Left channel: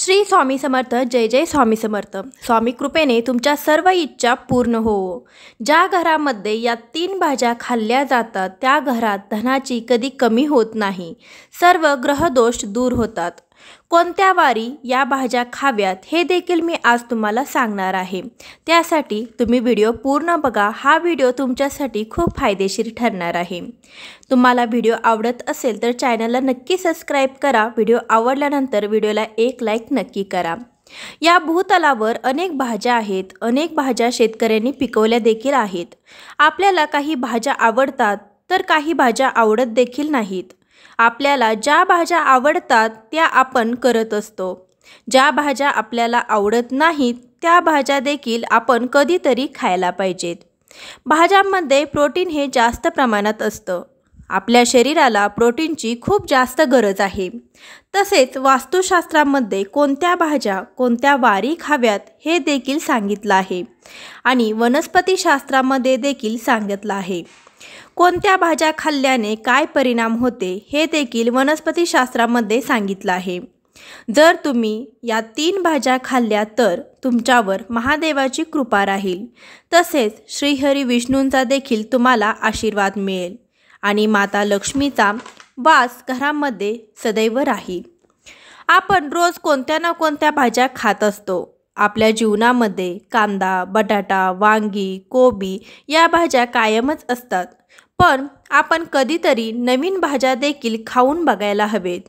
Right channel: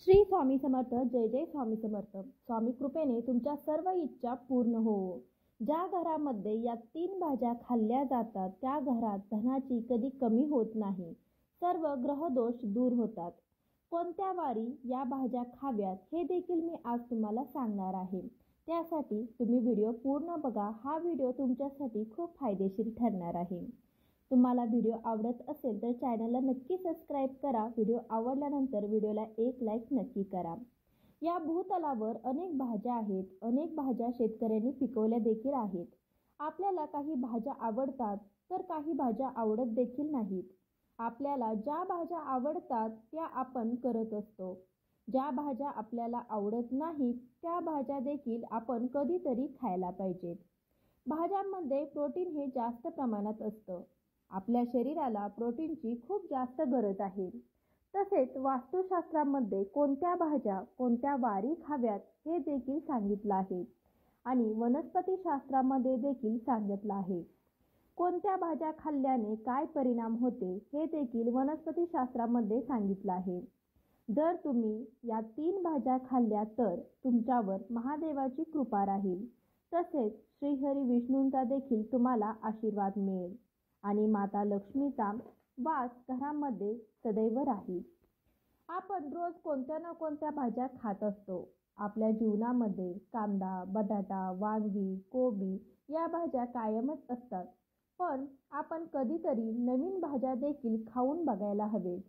श्री स्वामी समर्थ. जय जय स्वामी समर्थ. स्वामी कृपेने तुमच्या सर्व इच्छा पूर्ण होवो. ज्या घरामध्ये या 3 भाज्या खाल्ल्या जातात त्या घरात धनाची कधी कमी होत नाही. सर्व ग्रहदोष दूर होतात. कोणत्या वारी या भाज्या खाव्यात हे देखील मी आज तुम्हाला सांगणार आहे. त्यासाठी तुम्ही व्हिडिओ पूर्ण बघा. हा व्हिडिओ तुमच्यासाठी खूप फायदेशीर ठरणार आहे. तुम्हाला व्हिडिओ आवडत असेल तर चॅनलला नक्की सबस्क्राईब करा. व्हिडिओ आवडल्यानंतर व्हिडिओला एक लाईक नक्की करा. या भूतलावर अनेक भाज्या आहेत. अनेक भाज्या शेतकऱ्यांनी पिकवल्या देखील आहेत. आपल्याला काही भाज्या आवडतात तर काही भाज्या आवडत देखील नाहीत. आपल्याला ज्या भाज्या आवडतात त्या आपण करत असतो. ज्या भाज्या आपल्याला आवडत नाहीत त्या भाज्या देखील आपण कधीतरी खायला पाहिजेत. भाज्यांमध्ये प्रोटीन हे जास्त प्रमाणात असतं. आपल्या शरीराला प्रोटीनची खूप जास्त गरज आहे. तसेच वास्तुशास्त्रामध्ये कोणत्या भाज्या कोणत्या वारी खाव्यात हे देखील सांगितलं आहे आणि वनस्पतीशास्त्रामध्ये देखील सांगितलं आहे. कोणत्या भाज्या खाल्ल्याने काय परिणाम होते हे देखील वनस्पतीशास्त्रामध्ये सांगितलं आहे. जर तुम्ही या 3 भाज्या खाल्ल्या तर तुमच्यावर महादेवाची कृपा राहील. तसेच श्रीहरी विष्णूंचा देखील तुम्हाला आशीर्वाद मिळेल आणि माता लक्ष्मीचा वास घरामध्ये सदैव राहील. आपण रोज कोणत्या ना कोणत्या भाज्या खात असतो. आपल्या जीवनामध्ये कांदा, बटाटा, वांगी, कोबी या भाज्या कायमच असतात. पण आपण कधीतरी नवीन भाज्या देखील खाऊन बघायला हवेत.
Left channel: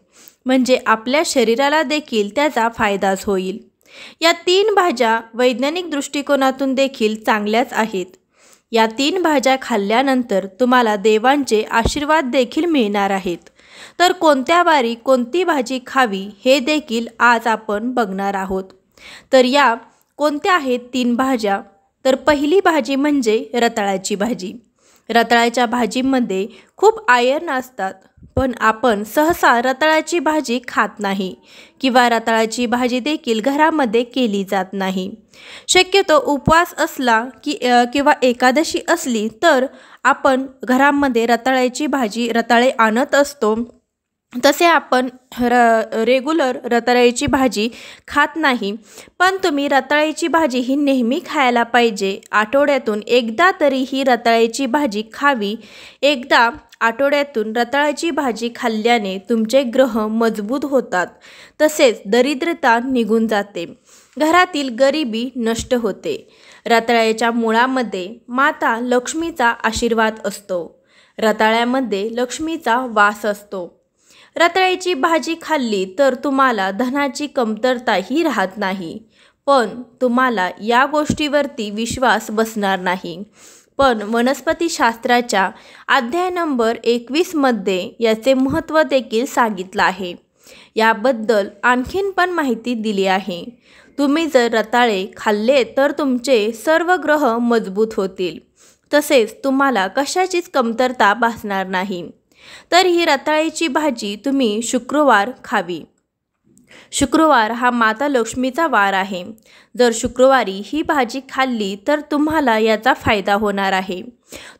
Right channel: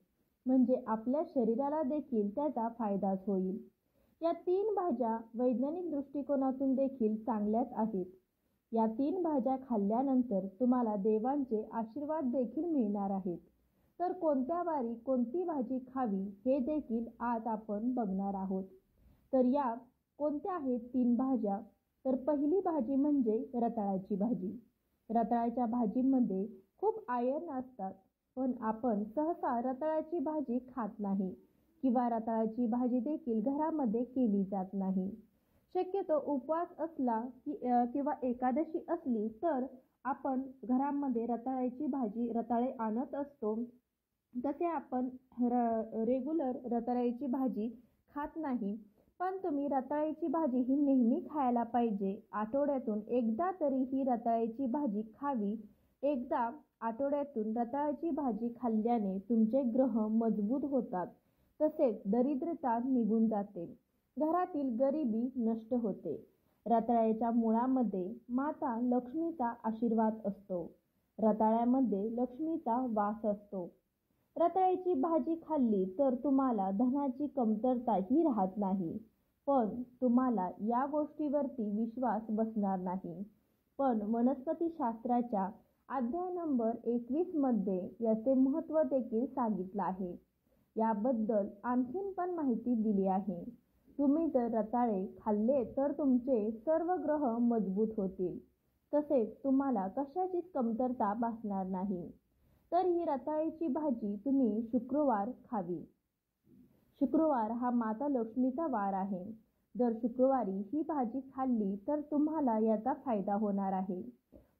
म्हणजे आपल्या शरीराला देखील त्याचा फायदाच होईल. या 3 भाज्या वैज्ञानिक दृष्टिकोनातून देखील चांगल्याच आहेत. या 3 भाज्या खाल्ल्यानंतर तुम्हाला देवांचे आशीर्वाद देखील मिळणार आहेत. तर कोणत्या वारी कोणती भाजी खावी हे देखील आज आपण बघणार आहोत. तर या कोणत्या आहेत 3 भाज्या? तर पहिली भाजी म्हणजे रताळ्याची भाजी. रताळ्याच्या भाजीमध्ये खूप आयर्न असतात. पण आपण सहसा रताळ्याची भाजी खात नाही किंवा रताळ्याची भाजी देखील घरामध्ये केली जात नाही. शक्यतो उपवास असला किंवा एकादशी असली तर आपण घरामध्ये रताळ्याची भाजी रताळे आणत असतो. तसे आपण रेग्युलर रताळ्याची भाजी खात नाही. पण तुम्ही रताळ्याची भाजी ही नेहमी खायला पाहिजे. आठवड्यातून एकदा तरी ही रताळ्याची भाजी खावी. एकदा आठवड्यातून रताळ्याची भाजी खाल्ल्याने तुमचे ग्रह मजबूत होतात. तसेच दरिद्रता निघून जाते. घरातील गरिबी नष्ट होते. रताळ्याच्या मुळामध्ये माता लक्ष्मीचा आशीर्वाद असतो. रताळ्यामध्ये लक्ष्मीचा वास असतो. रताळ्याची भाजी खाल्ली तर तुम्हाला धनाची कमतरताही राहत नाही. पण तुम्हाला या गोष्टीवरती विश्वास बसणार नाही. पण वनस्पतीशास्त्राच्या अध्याय नंबर 21 मध्ये याचे महत्त्व देखील सांगितलं आहे. याबद्दल आणखीन पण माहिती दिली आहे. तुम्ही जर रताळे खाल्ले तर तुमचे सर्व ग्रह मजबूत होतील. तसेच तुम्हाला कशाचीच कमतरता भासणार नाही. तर ही रताळ्याची भाजी तुम्ही शुक्रवार खावी. शुक्रवार हा माता लक्ष्मीचा वार आहे. जर शुक्रवारी ही भाजी खाल्ली तर तुम्हाला याचा फायदा होणार आहे.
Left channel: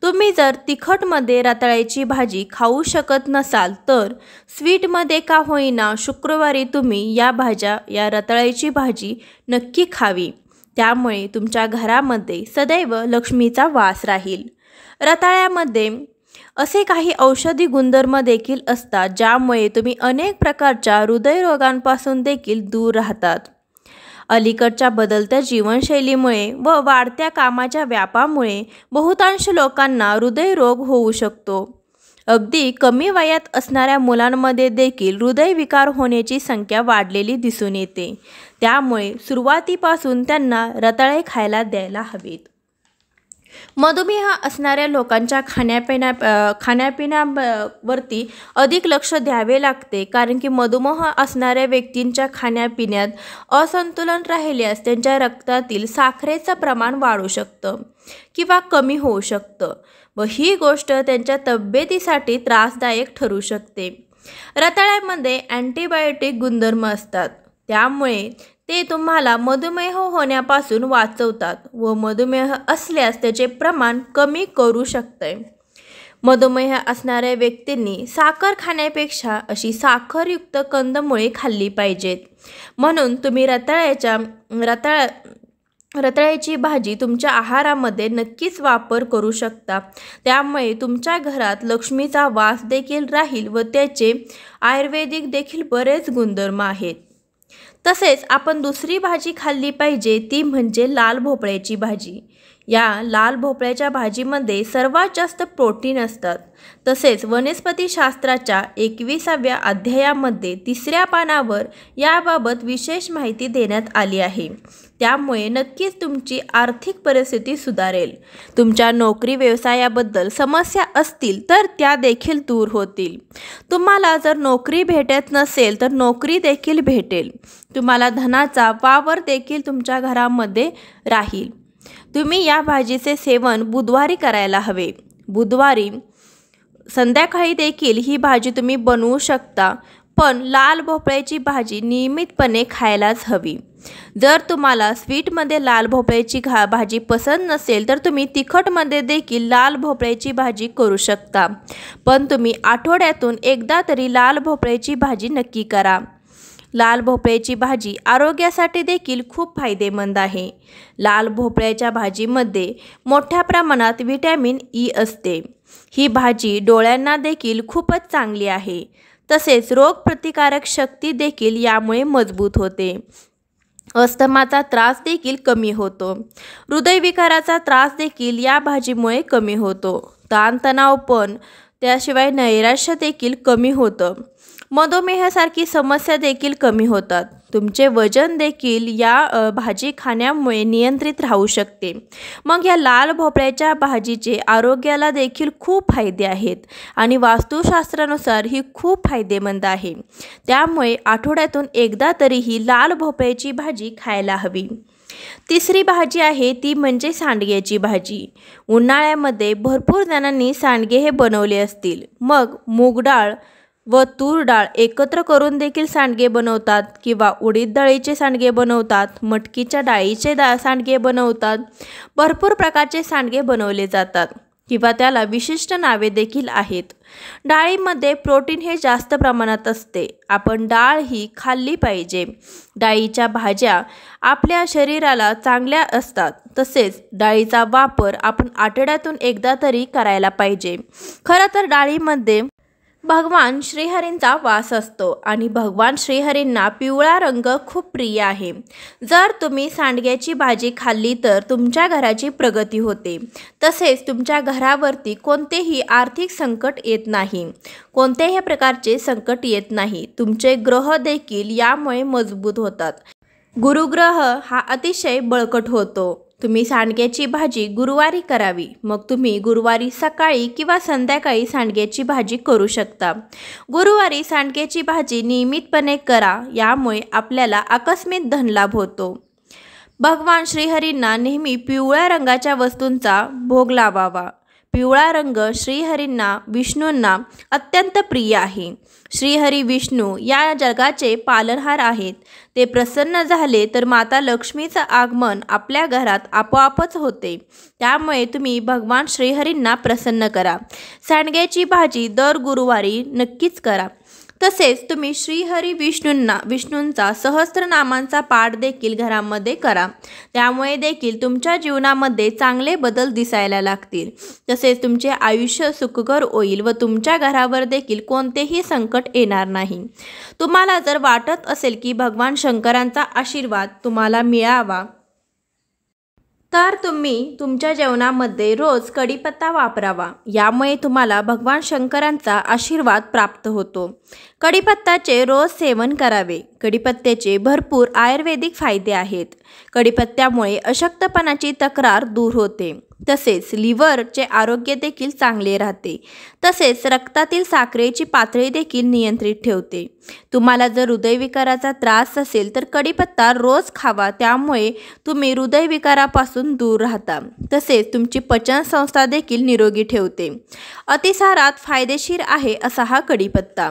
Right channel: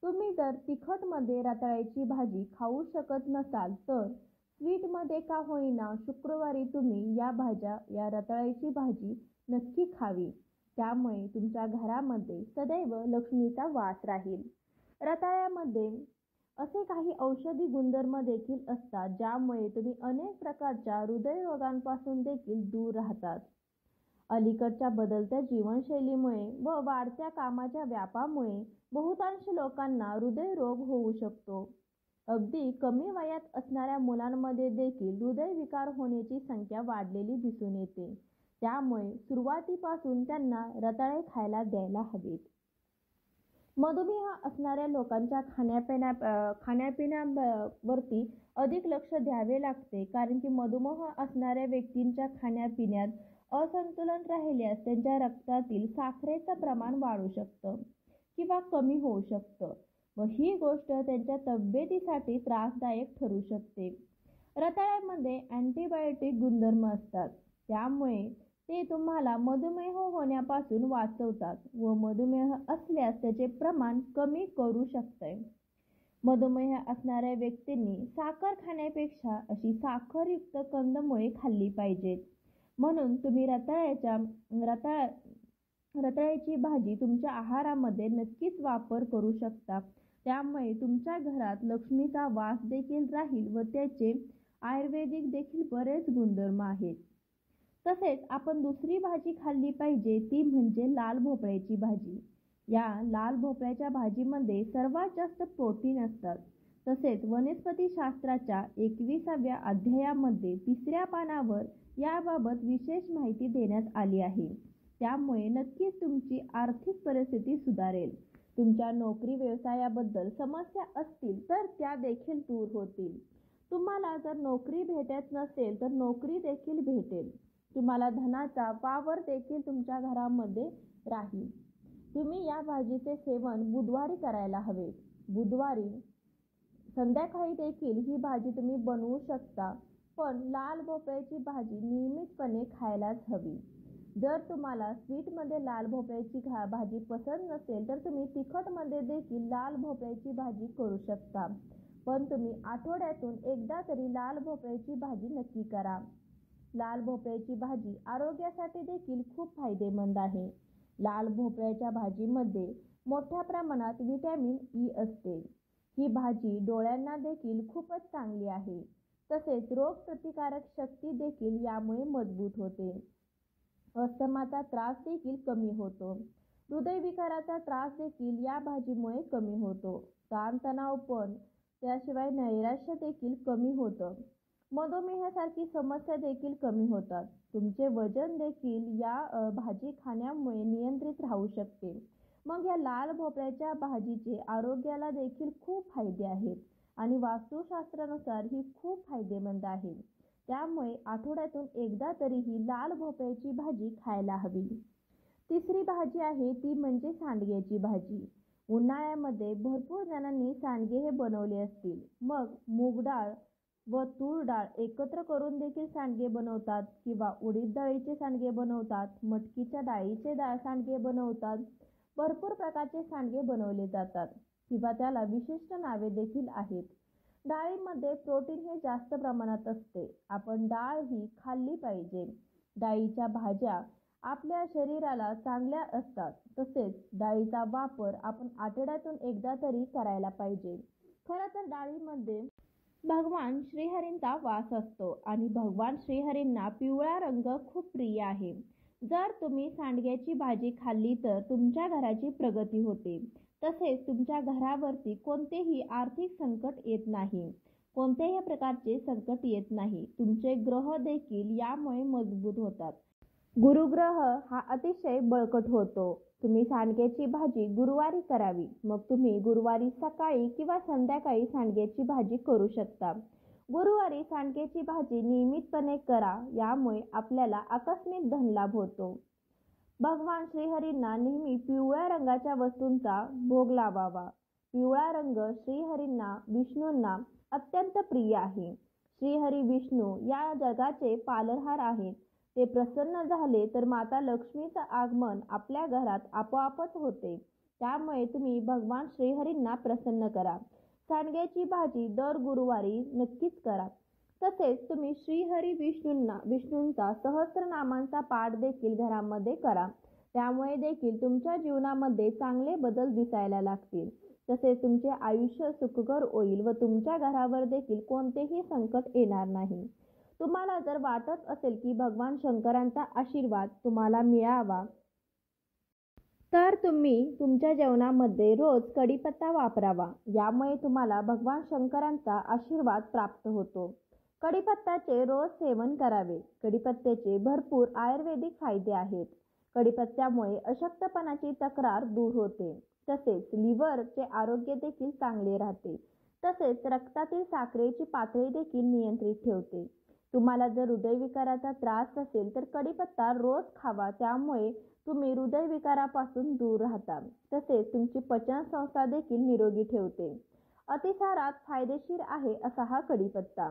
तुम्ही जर तिखटमध्ये रताळ्याची भाजी खाऊ शकत नसाल तर स्वीटमध्ये का होईना शुक्रवारी तुम्ही या रताळ्याची भाजी नक्की खावी. त्यामुळे तुमच्या घरामध्ये सदैव लक्ष्मीचा वास राहील. रताळ्यामध्ये असे काही औषधी गुणधर्म देखील असतात ज्यामुळे तुम्ही अनेक प्रकारच्या हृदयरोगांपासून देखील दूर राहतात. अलीकडच्या बदलत्या जीवनशैलीमुळे व वाढत्या कामाच्या व्यापामुळे बहुतांश लोकांना हृदयरोग होऊ शकतो. अगदी कमी वयात असणाऱ्या मुलांमध्ये देखील हृदयविकार होण्याची संख्या वाढलेली दिसून येते. त्यामुळे सुरुवातीपासून त्यांना रताळे खायला द्यायला हवेत. मधुमेह असणाऱ्या लोकांच्या खाण्यापिण्यावरती अधिक लक्ष द्यावे लागते. कारण की मधुमेह असणाऱ्या व्यक्तींच्या खाण्यापिण्यात असंतुलन राहिल्यास त्यांच्या रक्तातील साखरेचं प्रमाण वाढू शकतं किंवा कमी होऊ शकतं व ही गोष्ट त्यांच्या तब्येतीसाठी त्रासदायक ठरू शकते. रताळ्यामध्ये अँटीबायोटिक गुणधर्म असतात. त्यामुळे ते तुम्हाला मधुमेह होण्यापासून वाचवतात व मधुमेह असल्यास त्याचे प्रमाण कमी करू शकते. मधुमेह असणाऱ्या व्यक्तींनी साखर खाण्यापेक्षा अशी साखरयुक्त कंदमुळे खाल्ली पाहिजेत. म्हणून तुम्ही रताळ्याची भाजी तुमच्या आहारामध्ये नक्कीच वापर करू शकता। त्यामुळे तुमच्या घरात लक्ष्मीचा वास देखील राहील व त्याचे आयुर्वेदिक देखील बरेच गुणधर्म आहेत। तसेच आपण दुसरी भाजी खाल्ली पाहिजे ती म्हणजे लाल भोपळ्याची भाजी। या लाल भोपळ्याच्या भाजीमध्ये सर्वात जास्त प्रोटीन असतात। तसेच वनस्पतीशास्त्राच्या 21व्या अध्यायामध्ये 3ऱ्या पानावर याबाबत विशेष माहिती देण्यात आली आहे। त्यामुळे नक्कीच तुमची आर्थिक परिस्थिती सुधारेल। तुमच्या नोकरी व्यवसायाबद्दल समस्या असतील तर त्या देखील दूर होतील। तुम्हाला जर नोकरी भेटत नसेल तर नोकरी देखील भेटेल। तुम्हाला धनाचा वावर देखील तुमच्या घरामध्ये राहील। तुम्ही या भाजीचे सेवन बुधवारी करायला हवे। बुधवारी संध्याकाळी देखील ही भाजी तुम्ही बनवू शकता, पण लाल भोपळ्याची भाजी नियमितपणे खायलाच हवी। जर तुम्हाला स्वीटमध्ये लाल भोपळ्याची भाजी पसंत नसेल तर तुम्ही तिखटमध्ये देखील लाल भोपळ्याची भाजी करू शकता, पण तुम्ही आठवड्यातून एकदा तरी लाल भोपळ्याची भाजी नक्की करा। लाल भोपळ्याची भाजी आरोग्यासाठी देखील खूप फायदेमंद आहे। लाल भोपळ्याच्या भाजीमध्ये मोठ्या प्रमाणात व्हिटॅमिन ई असते। ही भाजी डोळ्यांना देखील खूपच चांगली आहे। तसेच रोगप्रतिकारक शक्ती देखील यामुळे मजबूत होते। अस्थमाचा त्रास देखील कमी होतो। हृदयविकाराचा त्रास देखील या भाजीमुळे कमी होतो। ताणतणाव पण त्याशिवाय नैराश्य देखील कमी होतं। मधुमेहासारखी समस्या देखील कमी होतात। तुमचे वजन देखील या भाजी खाण्यामुळे नियंत्रित राहू शकते। मग या लाल भोपळ्याच्या भाजीचे आरोग्याला देखील खूप फायदे आहेत आणि वास्तुशास्त्रानुसार ही खूप फायदेमंद आहे। त्यामुळे आठवड्यातून एकदा तरी ही लाल भोपळ्याची भाजी खायला हवी। तिसरी भाजी आहे ती म्हणजे सांडग्याची भाजी। उन्हाळ्यामध्ये भरपूर जणांनी सांडगे हे बनवले असतील। मग मूग डाळ व तूर डाळ एकत्र करून देखील सांडगे बनवतात किंवा उडीद डाळीचे सांडगे बनवतात, मटकीच्या डाळीचे सांडगे बनवतात। भरपूर प्रकारचे सांडगे बनवले जातात किंवा त्याला विशिष्ट नावे देखील आहेत। डाळीमध्ये प्रोटीन हे जास्त प्रमाणात असते। आपण डाळ ही खाल्ली पाहिजे। डाळीच्या भाज्या आपल्या शरीराला चांगल्या असतात। तसेच डाळीचा वापर आपण आठवड्यातून एकदा तरी करायला पाहिजे। खरं तर डाळीमध्ये भगवान श्रीहरींचा वास असतो आणि भगवान श्रीहरींना पिवळा रंग खूप प्रिय आहे। जर तुम्ही सांडग्याची भाजी खाल्ली तर तुमच्या घराची प्रगती होते। तसेच तुमच्या घरावरती कोणतेही आर्थिक संकट येत नाही, कोणत्याही प्रकारचे संकट येत नाही। तुमचे ग्रह देखील यामुळे मजबूत होतात। गुरुग्रह हा अतिशय बळकट होतो। तुम्ही सांडग्याची भाजी गुरुवारी करावी। मग तुम्ही गुरुवारी सकाळी किंवा संध्याकाळी सांडग्याची भाजी करू शकता। गुरुवारी सांडग्याची भाजी नियमितपणे करा, यामुळे आपल्याला आकस्मिक धनलाभ होतो। भगवान श्रीहरींना नेहमी पिवळ्या रंगाच्या वस्तूंचा भोग लावावा। पिवळा रंग श्रीहरींना विष्णूंना अत्यंत प्रिय आहे। श्रीहरी विष्णू या जगाचे पालनहार आहेत। ते प्रसन्न झाले तर माता लक्ष्मीचं आगमन आपल्या घरात आपोआपच होते। त्यामुळे तुम्ही भगवान श्रीहरींना प्रसन्न करा। सांडग्याची भाजी दर गुरुवारी नक्कीच करा। तसेच तुम्ही श्रीहरी विष्णूंचा सहस्त्रनामांचा पाठ देखील घरामध्ये करा। त्यामुळे देखील तुमच्या जीवनामध्ये चांगले बदल दिसायला लागतील। तसेच तुमचे आयुष्य सुखकर होईल व तुमच्या घरावर देखील कोणतेही संकट येणार नाही। तुम्हाला जर वाटत असेल की भगवान शंकरांचा आशीर्वाद तुम्हाला मिळावा तर तुम्ही तुमच्या जेवणामध्ये रोज कढीपत्ता वापरावा। यामुळे तुम्हाला भगवान शंकरांचा आशीर्वाद प्राप्त होतो। कढीपत्त्याचे रोज सेवन करावे। कढीपत्त्याचे भरपूर आयुर्वेदिक फायदे आहेत। कढीपत्त्यामुळे अशक्तपणाची तक्रार दूर होते। तसेच लिव्हरचे आरोग्य देखील चांगले राहते। तसेच रक्तातील साखरेची पातळी देखील नियंत्रित ठेवते। तुम्हाला जर हृदयविकाराचा त्रास असेल तर कढीपत्ता रोज खावा। त्यामुळे तुम्ही हृदयविकारापासून दूर राहता। तसेच तुमची पचनसंस्था देखील निरोगी ठेवते। अतिसारात फायदेशीर आहे असा हा कढीपत्ता।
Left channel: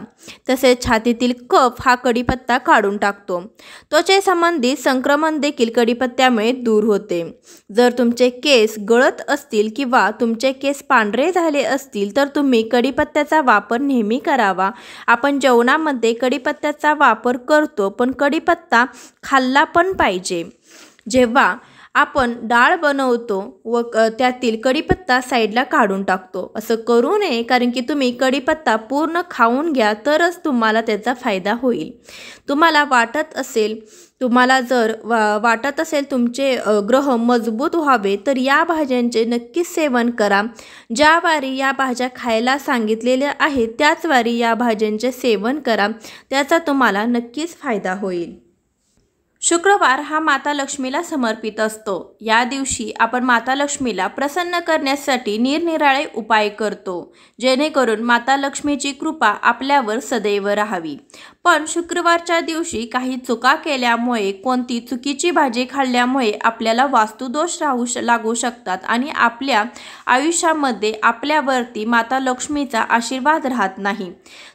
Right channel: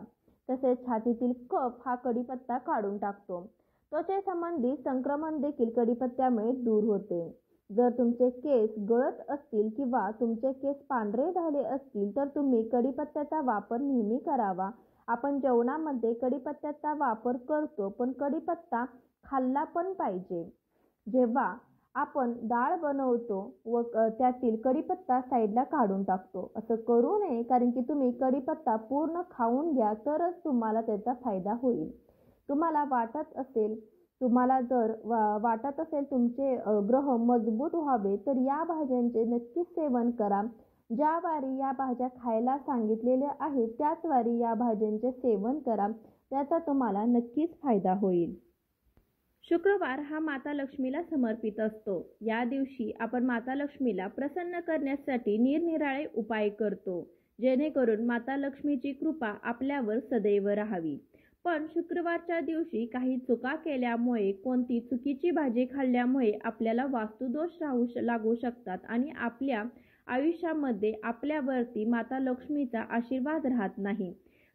तसेच छातीतील कफ हा कढीपत्ता काढून टाकतो। त्वचेसंबंधित संक्रमण देखील कढीपत्त्यामुळे दूर होते। जर तुमचे केस गळत गळत असतील किंवा तुमचे केस पांढरे झाले असतील तर तुम्ही कढीपत्त्याचा वापर नेहमी करावा. आपण जेवणामध्ये कढीपत्त्याचा वापर करतो, पण कढीपत्ता खाल्ला पण पाहिजे. जेव्हा आपण डाळ बनवतो व त्यातील कढीपत्ता साईडला काढून टाकतो, असं करू नये. कारण की तुम्ही कढीपत्ता पूर्ण खाऊन घ्या, तरच तुम्हाला त्याचा फायदा होईल. तुम्हाला वाटत असेल तुमचे ग्रह मजबूत व्हावे, तर या भाज्यांचे नक्कीच सेवन करा. ज्या वारी या भाज्या खायला सांगितलेल्या आहेत त्याच वारी या भाज्यांचे सेवन करा, त्याचा तुम्हाला नक्कीच फायदा होईल. शुक्रवार हा माता लक्ष्मीला समर्पित असतो. या दिवशी आपण माता लक्ष्मीला प्रसन्न करण्यासाठी निरनिराळे उपाय करतो, जेणेकरून माता लक्ष्मीची कृपा आपल्यावर सदैव राहावी. पण शुक्रवारच्या दिवशी काही चुका केल्यामुळे, कोणती चुकीची भाजी खाल्ल्यामुळे आपल्याला वास्तुदोष लागू शकतात आणि आपल्या आयुष्यामध्ये आपल्यावरती माता लक्ष्मीचा आशीर्वाद राहत नाही.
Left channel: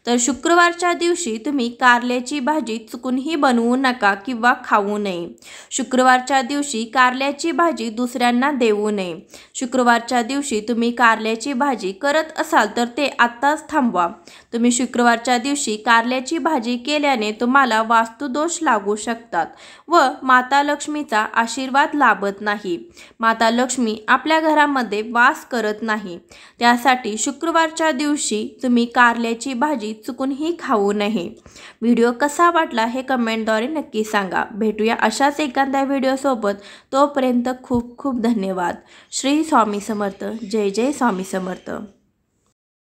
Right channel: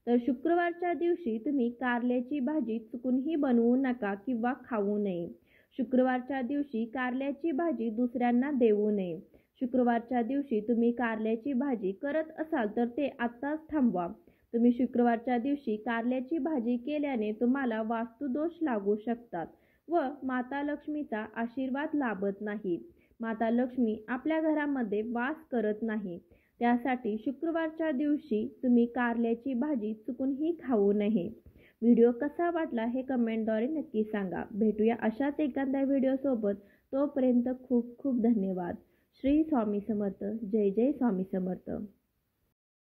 तर शुक्रवारच्या दिवशी तुम्ही कारल्याची भाजी चुकूनही बनवू नका किंवा खाऊ नये. शुक्रवारच्या दिवशी कारल्याची भाजी दुसऱ्यांना देऊ नये. शुक्रवारच्या दिवशी तुम्ही कारल्याची भाजी करत असाल तर ते आत्ताच थांबवा. तुम्ही शुक्रवारच्या दिवशी कारल्याची भाजी केल्याने तुम्हाला वास्तुदोष लागू शकतात व माता लक्ष्मीचा आशीर्वाद लाभत नाही. माता लक्ष्मी आपल्या घरामध्ये वास करत नाही. त्यासाठी शुक्रवारच्या दिवशी तुम्ही कारल्याची भाजी चुकूनही खाऊ नये. व्हिडिओ कसा वाटला हे कमेंटद्वारे नक्की सांगा. भेटूया अशाच एखाद्या व्हिडिओसोबत. तोपर्यंत खूप खूप धन्यवाद. श्री स्वामी समर्थ. जय जय स्वामी समर्थ.